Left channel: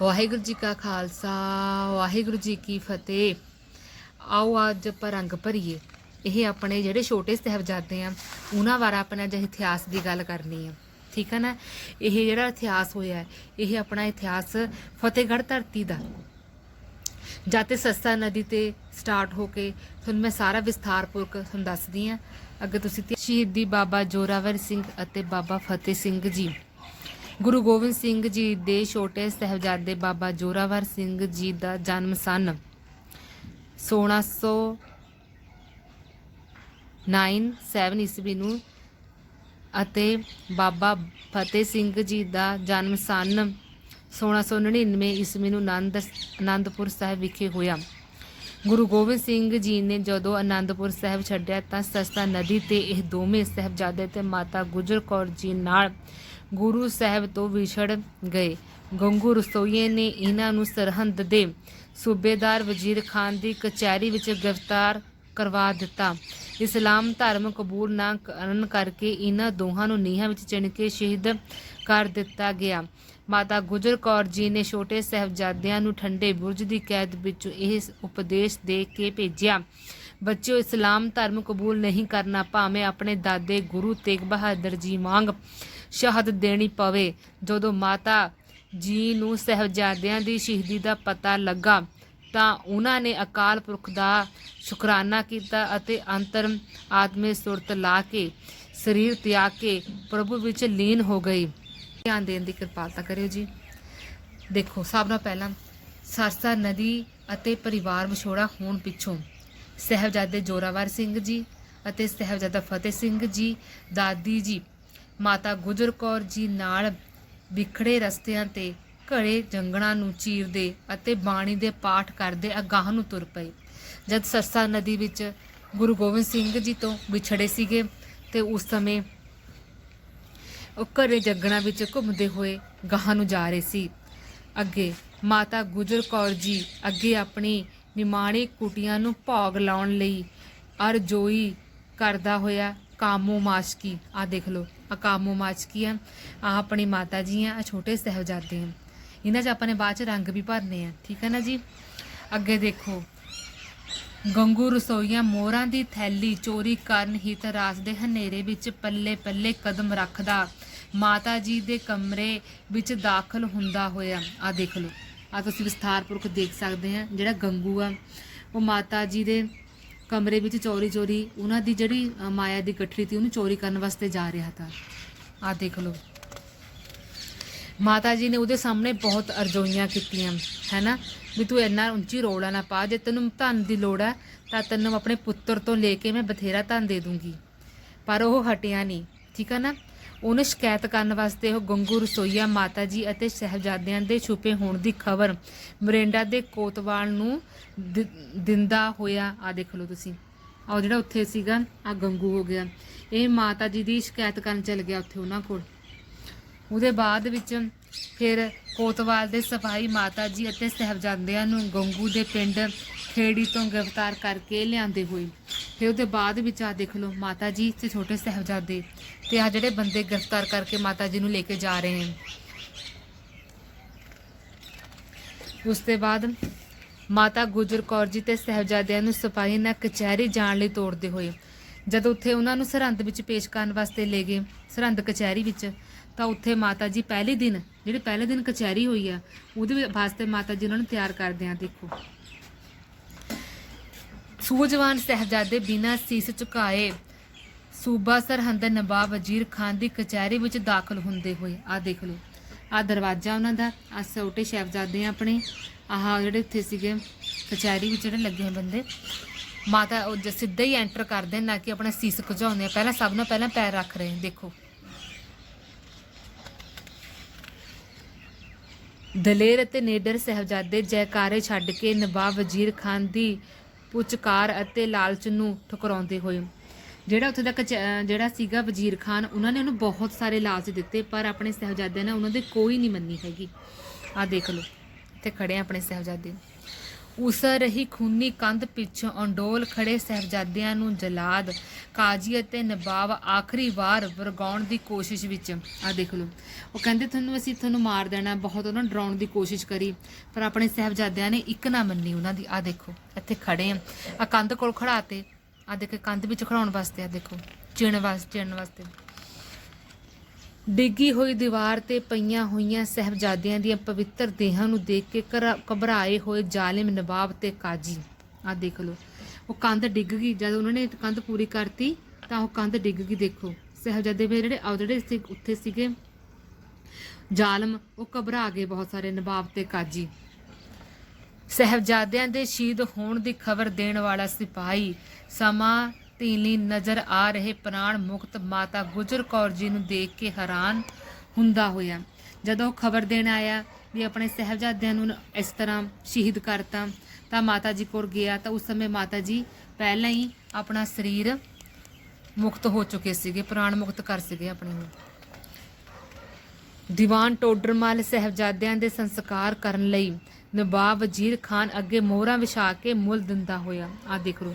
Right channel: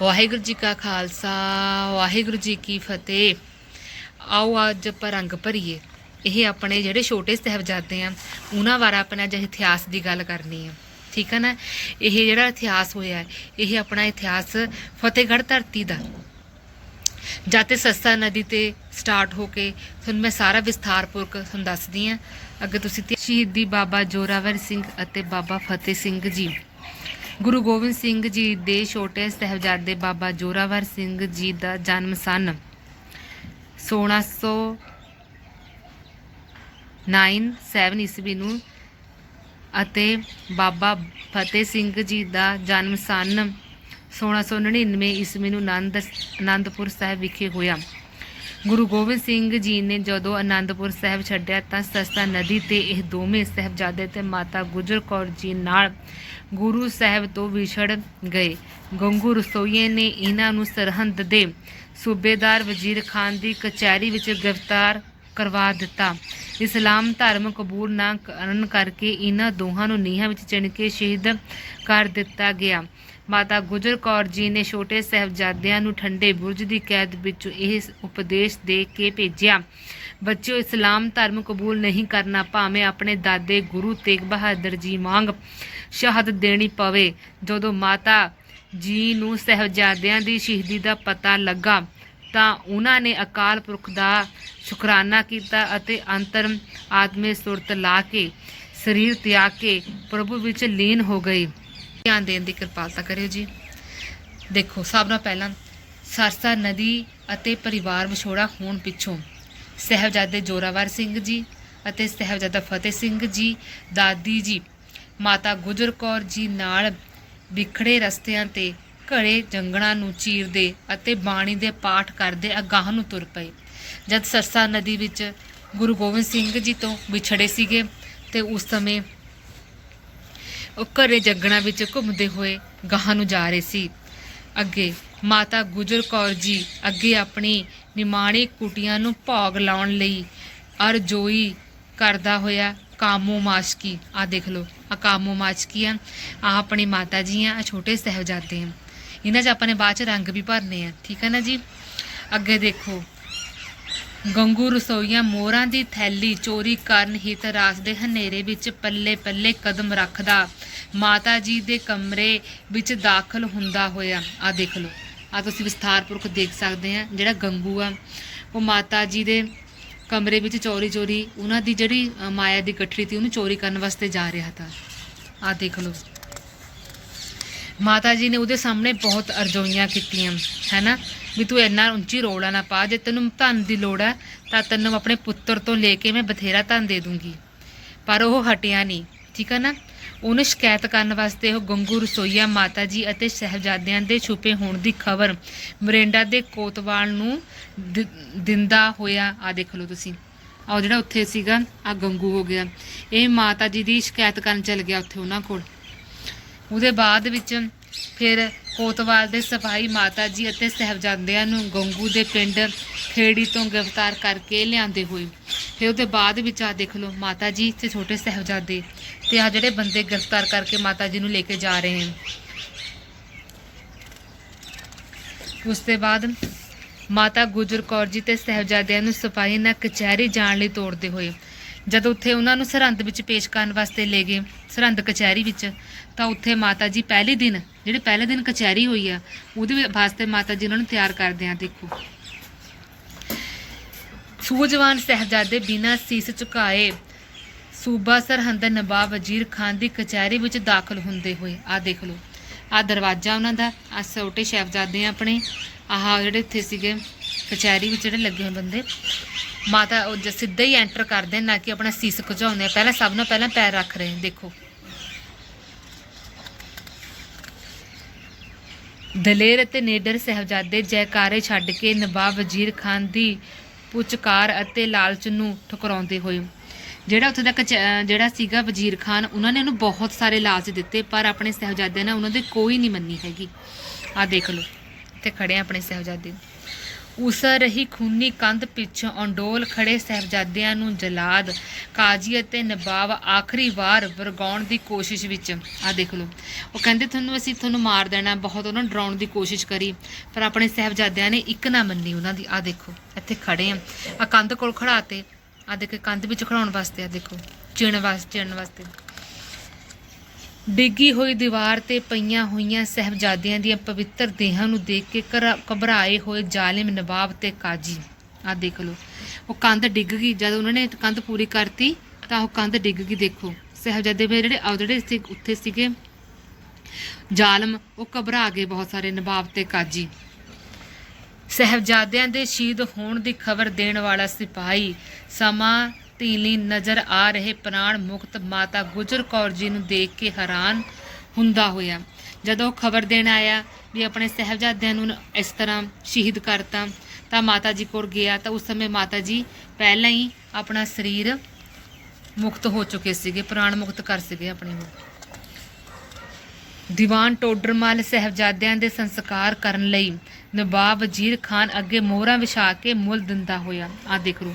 ਵਾਹਿਗੁਰੂ ਜੀ ਕਾ ਖਾਲਸਾ, ਵਾਹਿਗੁਰੂ ਜੀ ਕੀ ਫਤਿਹ। ਆਓ ਅੱਜ ਆਪਾਂ ਰੰਗ ਭਰੀਏ। ਇਹ ਆਪਣੇ ਜਿਹੜੇ ਛੋਟੇ ਸਾਹਿਬਜ਼ਾਦੇ ਆ, ਉਹਨਾਂ ਬਾਰੇ ਆਪਣਾ ਅੱਜ ਇਤਿਹਾਸ ਦੀ ਗੱਲ ਕਰਨੀ ਹੈ ਠੀਕ ਹੈ ਨਾ? ਇਹ ਜਿਹੜਾ ਇਤਿਹਾਸ ਹੋਇਆ, ਇਹ ਆਪਣਾ ਇਤਿਹਾਸ ਫਤਿਹਗੜ੍ਹ ਧਰਤੀ ਦਾ। ਜਦ ਤੇ ਸਸਤਾ ਨਦੀ ਤੇ ਸਟਾਰਟ ਹੋ ਕੇ, ਤੁਹਾਨੂੰ ਮੈਂ ਸਾਰਾ ਵਿਸਥਾਰਪੂਰਵਕ ਤੁਹਾਨੂੰ ਦੱਸਦੀ ਆ। ਅੱਗੇ ਤੁਸੀਂ ਸ਼ਹੀਦੀ ਬਾਬਾ ਜੋਰਾਵਰ ਸਿੰਘ ਅਤੇ ਬਾਬਾ ਫਤਿਹ ਸਿੰਘ ਜੀ। ਗੁਰੂ ਗੋਬਿੰਦ ਸਿੰਘ ਜੀ ਦੇ ਛੋਟੇ ਸਾਹਿਬਜ਼ਾਦੇ ਬਾਬਾ ਜੋਰਾਵਰ ਸਿੰਘ ਜੀ ਦਾ ਜਨਮ ਸਨ। 1609 ਈਸਵੀ ਨੂੰ ਅਤੇ ਬਾਬਾ ਫਤਿਹ ਸਿੰਘ ਜੀ ਦਾ ਜਨਮ ਸਨ। 1699 ਈਸਵੀ ਨੂੰ ਆਨੰਦ ਆਨੰਦਪੁਰ ਸਾਹਿਬ ਵਿਖੇ ਹੋਇਆ। ਗੁਰੂ ਗੋਬਿੰਦ ਸਿੰਘ ਜੀ ਨੇ ਜਦੋਂ ਆਨੰਦਪੁਰ ਸਾਹਿਬ ਛੱਡਿਆ ਤਾਂ ਸਸਤਾ ਨਦੀ ਤੇ ਇਹ ਦੋਵੇਂ ਸਾਹਿਬਜ਼ਾਦੇ ਤੇ ਮਾਤਾ ਗੁਜਰ ਕੌਰ ਜੀ ਨਾਲ ਗੁਰੂ ਸਾਹਿਬ ਤੋਂ ਵਿਛੜ ਗਏ। ਗੰਗੂ ਰਸੋਈਏ ਨੇ ਇਹਨਾਂ ਨੂੰ ਸਰਹੰਦ ਦੇ ਸੂਬੇਦਾਰ ਵਜ਼ੀਰ ਖਾਨ ਦੀ ਕਚਹਿਰੀ ਵਿੱਚ ਗ੍ਰਿਫਤਾਰ ਕਰਵਾ ਦਿੱਤਾ। ਇਸਲਾਮ ਧਰਮ ਕਬੂਲ ਨਾ ਕਰਨ ਕਰਕੇ ਇਹਨਾਂ ਦੋਹਾਂ ਨੂੰ ਨੀਹਾਂ ਵਿੱਚ ਚਿਣ ਕੇ ਸ਼ਹੀਦ ਕਰ ਦਿੱਤਾ ਗਿਆ। ਮਾਤਾ ਗੁਜਰ ਕੌਰ ਜੀ ਨੇ ਛੋਟੇ ਸਾਹਿਬਜ਼ਾਦਿਆਂ ਨੂੰ ਠੰਡੇ ਬੁਰਜ ਦੀ ਕੈਦ ਵਿੱਚੋਂ ਇਹ ਉਪਦੇਸ਼ ਦੇ ਕੇ ਭੇਜਿਆ। ਬੱਚਿਓ, ਇਸਲਾਮ ਧਰਮ ਕਬੂਲ ਨਹੀਂ ਕਰਨਾ, ਭਾਵੇਂ ਆਪਣੇ ਦਾਦੇ ਗੁਰੂ ਤੇਗ ਬਹਾਦਰ ਜੀ ਵਾਂਗ ਸ਼ਹਾਦਤ ਦੇਣੀ ਪਵੇ। ਜਦੋਂ ਮਾਤਾ ਜੀ ਨੂੰ ਸਾਹਿਬਜ਼ਾਦਿਆਂ ਦੀ ਸ਼ਹੀਦੀ ਦਾ ਪਤਾ ਲੱਗਾ, ਤਾਂ ਉਹਨਾਂ ਨੇ ਅਕਾਲ ਪੁਰਖ ਦਾ ਸ਼ੁਕਰਾਨਾ ਕੀਤਾ ਅਤੇ ਅੰਤਰ ਆਤਮੇ ਸੁਰਤ ਲਾ ਕੇ, ਸਰੀਰ ਤਿਆਗ ਕੇ ਪ੍ਰਭੂ ਵਿੱਚ ਲੀਨ ਹੋ ਗਈ ਧਿਆਨ ਦੇਣ ਦੀ ਕਿਰਪਾਲਤਾ ਕਰਿਓ ਜੀ। ਦੇਖੋ, ਸਭ ਤੋਂ ਪਹਿਲਾਂ ਸਰਸਾ ਨਦੀ ਅਤੇ ਪਰਿਵਾਰ ਵਿਛੋੜਾ ਹੋਣ ਪਿੱਛੋਂ ਸਹਿਬਜ਼ਾਦੇ ਜੋਰਾਵਰ ਸਿੰਘ ਜੀ ਅਤੇ ਸਹਿਬਜ਼ਾਦਾ ਫਤਿਹ ਸਿੰਘ ਜੀ, ਦਾਦੀ ਜੀ, ਮਾਤਾ ਗੁਜਰ ਕੌਰ ਜੀ ਨਾਲ ਵਿਖੜੇ ਰਸਤਿਆਂ ਤੇ ਘੜੇ ਜੰਗਲਾਂ ਨੂੰ ਚੀਰਦੇ ਅਤੇ ਬਾਣੀ ਦੇ ਪਾਠ ਕਰਦੇ ਅਗਾਹ ਨੂੰ ਤੁਰ ਪਏ। ਜਦ ਸਰਸਾ ਨਦੀ ਵਿੱਚ ਗੁਰੂ ਗੋਬਿੰਦ ਸਿੰਘ ਜੀ ਤੋਂ ਵਿਛੜੇ ਸੀਗੇ ਤੇ ਉਸ ਸਮੇਂ ਉਹ ਘਰੇ ਜੱਗਣਾ ਵਿੱਚ ਘੁੰਮਦੇ ਹੋਏ ਗਾਹਾਂ ਨੂੰ ਜਾ ਰਹੇ ਸੀ। ਅੱਗੇ ਮਾਤਾ ਗੁਜਰ ਕੌਰ ਜੀ ਅੱਗੇ ਆਪਣੀ ਨਿਮਾਣੀ ਕੁਟੀਆਂ ਨੂੰ ਭੋਗ ਲਾਉਣ ਲਈ ਅਰਜੋਈ ਕਰਦਾ ਹੋਇਆ ਕਾਮੋ ਮਾਸ਼ਕੀ। ਆ ਦੇਖ ਲਓ ਆ ਕਾਮੋ ਮਾਸ਼ਕੀ ਆ ਆ ਆਪਣੀ ਮਾਤਾ ਜੀ ਆ ਛੋਟੇ ਸਾਹਿਬਜ਼ਾਦੇ ਆ। ਇਹਨਾਂ 'ਚ ਆਪਾਂ ਨੇ ਬਾਅਦ 'ਚ ਰੰਗ ਵੀ ਭਰਨੇ ਆ, ਠੀਕ ਹੈ ਨਾ ਜੀ? ਅੱਗੇ ਦੇਖੋ ਗੰਗੂ ਰਸੋਈਆਂ ਮੋਹਰਾਂ ਦੀ ਥੈਲੀ ਚੋਰੀ ਕਰਨ ਹਿਤ ਰਾਤ ਦੇ ਹਨੇਰੇ ਵਿੱਚ ਪੱਲੇ ਪੱਲੇ ਕਦਮ ਰੱਖਦਾ। ਮਾਤਾ ਜੀ ਦੇ ਕਮਰੇ ਵਿੱਚ ਦਾਖਲ ਹੁੰਦਾ ਹੋਇਆ। ਆ ਦੇਖ ਲਓ। ਆ ਤੁਸੀਂ ਵਿਸਥਾਰਪੂਰਵਕ ਦੇਖ ਸਕਦੇ ਆ, ਜਿਹੜਾ ਗੰਗੂ ਆ, ਉਹ ਮਾਤਾ ਜੀ ਦੇ ਕਮਰੇ ਵਿੱਚ ਚੋਰੀ ਚੋਰੀ ਉਹਨਾਂ ਦੀ ਜਿਹੜੀ ਮਾਇਆ ਦੀ ਗੱਠੜੀ ਸੀ, ਉਹਨੂੰ ਚੋਰੀ ਕਰਨ ਵਾਸਤੇ ਜਾ ਰਿਹਾ था ਆ ਦੇਖ ਲਓ। ਮਾਤਾ ਜੀ ਨੇ ਉਹਦੇ ਸਾਹਮਣੇ ਬਹੁਤ ਅਰਜ਼ੋਈਆਂ ਕੀਤੀਆਂ, ਹੈਨਾ? ਵੀ ਤੂੰ ਇੰਨਾ ਉੱਚੀ ਰੋਲਾ ਨਾ ਪਾ, ਜੇ ਤੈਨੂੰ ਧਨ ਦੀ ਲੋੜ ਹੈ, ਤਾਂ ਤੈਨੂੰ ਆਪਣੇ ਪੁੱਤਰ ਤੋਂ ਲੈ ਕੇ ਮੈਂ ਬਥੇਰਾ ਧਨ ਦੇ ਦੂੰਗੀ। ਪਰ ਉਹ ਹਟਿਆ ਨਹੀਂ, ਠੀਕ ਹੈ ਨਾ? ਉਹਨੇ ਸ਼ਿਕਾਇਤ ਕਰਨ ਵਾਸਤੇ ਉਹ ਗੰਗੂ ਰਸੋਈਆ ਮਾਤਾ ਜੀ ਅਤੇ ਸਹਿਬਜ਼ਾਦਿਆਂ ਦੇ ਛੁਪੇ ਹੋਣ ਦੀ ਖਬਰ ਮਰਿੰਡਾ ਦੇ ਕੋਤਵਾਲ ਨੂੰ ਦਿੰਦਾ ਹੋਇਆ ਆ ਦੇਖ ਲਓ ਤੁਸੀਂ। ਆਹ ਜਿਹੜਾ ਉੱਥੇ ਸੀਗਾ ਆ ਗੰਗੂ ਹੋ ਗਿਆ। ਇਹ ਮਾਤਾ ਜੀ ਦੀ ਸ਼ਿਕਾਇਤ ਕਰਨ ਚੱਲ ਗਿਆ ਉੱਥੇ ਉਹਨਾਂ ਕੋਲ। ਉਹਦੇ ਬਾਅਦ ਵਿੱਚ ਫਿਰ ਕੋਤਵਾਲ ਦੇ ਸਫ਼ਾਈ ਮਾਤਾ ਜੀ ਅਤੇ ਸਹਿਬਜ਼ਾਦਿਆਂ ਨੂੰ ਗੰਗੂ ਦੇ ਪਿੰਡ ਖੇੜੀ ਤੋਂ ਗ੍ਰਿਫਤਾਰ ਕਰਕੇ ਲਿਆਂਦੇ ਹੋਏ। ਫਿਰ ਉਹਦੇ ਬਾਅਦ ਵਿੱਚ ਆ ਦੇਖ ਲਓ ਮਾਤਾ ਜੀ ਤੇ ਛੋਟੇ ਸਹਿਬਜ਼ਾਦੇ ਤੇ ਆ ਜਿਹੜੇ ਬੰਦੇ ਗ੍ਰਿਫਤਾਰ ਕਰਕੇ ਮਾਤਾ ਜੀ ਨੂੰ ਲੈ ਕੇ ਜਾ ਰਹੇ ਹਨ। ਉਸ ਤੋਂ ਬਾਅਦ ਮਾਤਾ ਗੁਜਰ ਕੌਰ ਜੀ ਤੇ ਸਹਿਬਜ਼ਾਦਿਆਂ ਨੂੰ ਸਿਪਾਹੀ ਨਾਲ ਕਚਹਿਰੀ ਜਾਣ ਲਈ ਤੋੜਦੇ ਹੋਏ ਜਦੋਂ ਉੱਥੇ ਉਹਨਾਂ ਨੂੰ ਸਰਹੰਦ ਵਿੱਚ ਪੇਸ਼ ਕਰਨ ਵਾਸਤੇ ਲੈ ਗਏ, ਸਰਹੰਦ ਕਚਹਿਰੀ ਵਿੱਚ, ਤਾਂ ਉੱਥੇ ਮਾਤਾ ਜੀ ਪਹਿਲੇ ਦਿਨ, ਜਿਹੜੇ ਪਹਿਲੇ ਦਿਨ ਕਚਹਿਰੀ ਹੋਈ ਆ, ਉਹਦੇ ਵਾਸਤੇ ਮਾਤਾ ਜੀ ਉਹਨਾਂ ਨੂੰ ਤਿਆਰ ਕਰਦੇ ਆ, ਦੇਖੋ। ਸੂਝਵਾਨ ਸਹਿਬਜ਼ਾਦੇ ਬਿਨਾਂ ਸੀਸ ਝੁਕਾਏ, ਸੂਬਾ ਸਰਹੰਦ ਨਵਾਬ ਵਜ਼ੀਰ ਖਾਨ ਦੀ ਕਚਹਿਰੀ ਵਿੱਚ ਦਾਖਲ ਹੁੰਦੇ ਹੋਏ ਆ ਦੇਖ ਲਓ। ਆ ਦਰਵਾਜ਼ਾ ਉਹਨਾਂ ਦਾ ਆ ਛੋਟੇ ਸਾਹਿਬਜ਼ਾਦੇ ਆ ਆਪਣੇ, ਆਹ ਜਿਹੜੇ ਇੱਥੇ ਸੀਗੇ, ਕਚਹਿਰੀ ਵਿੱਚ ਜਿਹੜੇ ਲੱਗੇ ਹੋਏ ਬੰਦੇ। ਮਾਤਾ ਉਹ ਜ- ਸਿੱਧਾ ਹੀ ਐਂਟਰ ਕਰਦੇ ਨਾ ਕਿ ਆਪਣਾ ਸੀਸ ਘੁਝਾਉਂਦੇ ਆ। ਪਹਿਲਾਂ ਸਭ ਨਾਲ ਪਹਿਲਾਂ ਪੈਰ ਰੱਖ ਰਹੇ ਨੇ, ਦੇਖੋ। ਦਲੇਰ ਅਤੇ ਨੇਡਰ ਸਹਿਬਜ਼ਾਦੇ ਜੈਕਾਰੇ ਛੱਡ ਕੇ ਨਵਾਬ ਵਜ਼ੀਰ ਖਾਨ ਦੀ ਪੁਚਕਾਰ ਅਤੇ ਲਾਲਚ ਨੂੰ ਠੁਕਰਾਉਂਦੇ ਹੋਏ। ਜਿਹੜਾ ਉੱਥੇ ਦਾ ਜਿਹੜਾ ਸੀਗਾ ਵਜ਼ੀਰ ਖਾਨ, ਉਹਨਾਂ ਨੇ ਉਹਨੂੰ ਬਹੁਤ ਸਾਰੇ ਲਾਲਚ ਦਿੱਤੇ, ਪਰ ਆਪਣੇ ਸਹਿਬਜ਼ਾਦਿਆਂ ਨੇ ਉਹਨਾਂ ਦੇ ਕੋਈ ਨਹੀਂ ਮੰਨੀ ਹੈਗੀ। ਆ ਦੇਖ ਲਓ ਤੇ ਖੜੇ ਆਪਣੇ ਸਹਿਬਜ਼ਾਦੇ। ਉਸ ਰਹੀ ਖੂਨੀ ਕੰਧ ਪਿੱਛੋਂ ਅੰਡੋਲ ਖੜੇ ਸਹਿਬਜ਼ਾਦਿਆਂ ਨੂੰ ਜਲਾਦ, ਕਾਜੀ ਅਤੇ ਨਵਾਬ ਆਖਰੀ ਵਾਰ ਵਰਗਾਉਣ ਦੀ ਕੋਸ਼ਿਸ਼ ਵਿੱਚ। ਆ ਦੇਖ ਲਓ। ਉਹ ਕਹਿੰਦੇ ਤੁਹਾਨੂੰ ਅਸੀਂ ਤੁਹਾਨੂੰ ਮਾਰ ਦੇਣਾ, ਬਹੁਤ ਉਹਨਾਂ ਨੂੰ ਡਰਾਉਣ ਦੀ ਕੋਸ਼ਿਸ਼ ਕਰੀ, ਪਰ ਆਪਣੇ ਸਹਿਬਜ਼ਾਦਿਆਂ ਨੇ ਇੱਕ ਨਾ ਮੰਨੀ, ਉਹਨਾਂ ਦੀ ਆ ਦੇਖੋ, ਇੱਥੇ ਖੜੇ ਆ। ਆ ਕੰਧ ਕੋਲ ਖੜਾਤੇ ਆ ਦੇਖੋ, ਕੰਧ ਵਿੱਚ ਖੜਾਉਣ ਵਾਸਤੇ ਆ ਦੇਖੋ, ਚਿਣ ਵਾਸਤੇ ਚਿਣ ਵਾਸਤੇ। ਡਿੱਗੀ ਹੋਈ ਦੀਵਾਰ ਤੇ ਪਈਆਂ ਹੋਈਆਂ ਸਹਿਬਜ਼ਾਦਿਆਂ ਦੀਆਂ ਪਵਿੱਤਰ ਦੇਹਾਂ ਨੂੰ ਦੇਖ ਕੇ ਘਰ- ਘਬਰਾਏ ਹੋਏ ਜ਼ਾਲਿਮ ਨਵਾਬ ਤੇ ਕਾਜੀ। ਆ ਦੇਖ ਲਓ। ਉਹ ਕੰਧ ਡਿੱਗ ਗਈ। ਜਦ ਉਹਨਾਂ ਨੇ ਕੰਧ ਪੂਰੀ ਕਰਤੀ, ਤਾਂ ਉਹ ਕੰਧ ਡਿੱਗ ਗਈ। ਦੇਖੋ, ਸਹਿਬਜ਼ਾਦੇ ਮੇਰੇ ਜਿਹੜੇ ਆ ਜਿਹੜੇ ਸੀ, ਉੱਥੇ ਸੀਗੇ। ਜ਼ਾਲਮ, ਉਹ ਘਬਰਾ ਗਏ ਬਹੁਤ ਸਾਰੇ ਨਵਾਬ ਤੇ ਕਾਜੀ। ਸਹਿਬਜ਼ਾਦਿਆਂ ਦੇ ਸ਼ਹੀਦ ਹੋਣ ਦੀ ਖਬਰ ਦੇਣ ਵਾਲਾ ਸਿਪਾਹੀ ਸਮਾਂ ਢੀਲੀ ਨਜ਼ਰ ਆ ਰਹੇ ਪ੍ਰਾਣ ਮੁਕਤ ਮਾਤਾ ਗੁਜਰ ਕੌਰ ਜੀ ਨੂੰ ਦੇਖ ਕੇ ਹੈਰਾਨ ਹੁੰਦਾ ਹੋਇਆ। ਜਦੋਂ ਖਬਰ ਦੇਣ ਆਇਆ ਵੀ ਆਪਣੇ ਸਹਿਬਜ਼ਾਦਿਆਂ ਨੂੰ ਇਸ ਤਰ੍ਹਾਂ ਸ਼ਹੀਦ ਕਰਤਾ ਤਾਂ ਮਾਤਾ ਜੀ ਕੋਲ ਗਿਆ ਤਾਂ ਉਸ ਸਮੇਂ ਮਾਤਾ ਜੀ ਪਹਿਲਾਂ ਹੀ ਆਪਣਾ ਸਰੀਰ ਮੁਕਤ ਹੋ ਚੁੱਕੇ ਸੀਗੇ, ਪ੍ਰਾਣ ਮੁਕਤ ਕਰ ਸੀਗੇ ਆਪਣੇ ਨੂੰ। ਦੀਵਾਨ ਟੋਡਰਮਲ ਸਹਿਬਜ਼ਾਦਿਆਂ ਦੇ ਸੰਸਕਾਰ ਕਰਨ ਲਈ ਨਵਾਬ ਵਜ਼ੀਰ ਖਾਨ ਅੱਗੇ ਮੋਹਰਾਂ ਵਿਛਾ ਕੇ ਮੁੱਲ ਦਿੰਦਾ ਹੋਇਆ। ਆ ਦੇਖ ਲਓ।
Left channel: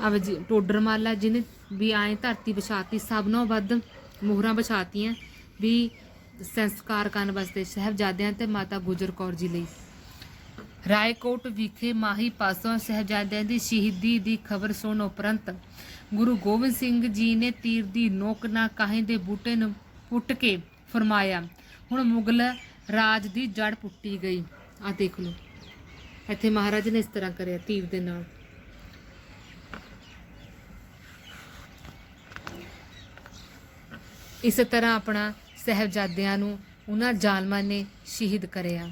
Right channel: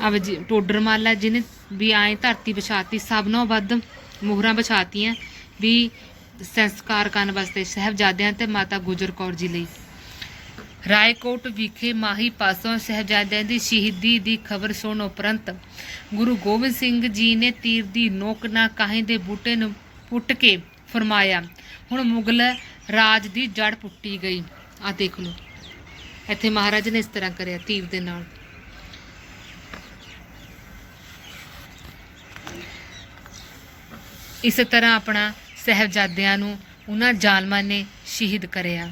ਆ ਵਜ਼ੀ ਟੋਡਰਮਲ ਜਿਹਨੇ ਵੀ ਆਏ ਧਰਤੀ ਵਿਛਾਤੀ, ਸਭ ਨਾਲੋਂ ਵੱਧ ਮੋਹਰਾਂ ਵਿਛਾਤੀਆਂ ਵੀ ਸੰਸਕਾਰ ਕਰਨ ਵਾਸਤੇ ਸਹਿਬਜ਼ਾਦਿਆਂ ਤੇ ਮਾਤਾ ਗੁਜਰ ਕੌਰ ਜੀ ਲਈ। ਰਾਏਕੋਟ ਵਿਖੇ ਮਾਹੀ ਪਾਸੋਂ ਸਹਿਬਜ਼ਾਦਿਆਂ ਦੀ ਸ਼ਹੀਦੀ ਦੀ ਖਬਰ ਸੁਣ ਉਪਰੰਤ ਗੁਰੂ ਗੋਬਿੰਦ ਸਿੰਘ ਜੀ ਨੇ ਤੀਰ ਦੀ ਨੋਕ ਨਾ ਕਾਹੇ ਦੇ ਬੂਟੇ ਨੂੰ ਪੁੱਟ ਕੇ ਫਰਮਾਇਆ, ਹੁਣ ਮੁਗਲ ਰਾਜ ਦੀ ਜੜ ਪੁੱਟੀ ਗਈ। ਆ ਦੇਖ ਲਓ। ਇੱਥੇ ਮਹਾਰਾਜ ਨੇ ਇਸ ਤਰ੍ਹਾਂ ਕਰਿਆ ਤੀਰ ਦੇ ਨਾਲ। ਇਸ ਤਰ੍ਹਾਂ ਆਪਣਾ ਸਹਿਬਜ਼ਾਦਿਆਂ ਨੂੰ ਉਹਨਾਂ ਜ਼ਾਲਮਾਂ ਨੇ ਸ਼ਹੀਦ ਕਰਿਆ।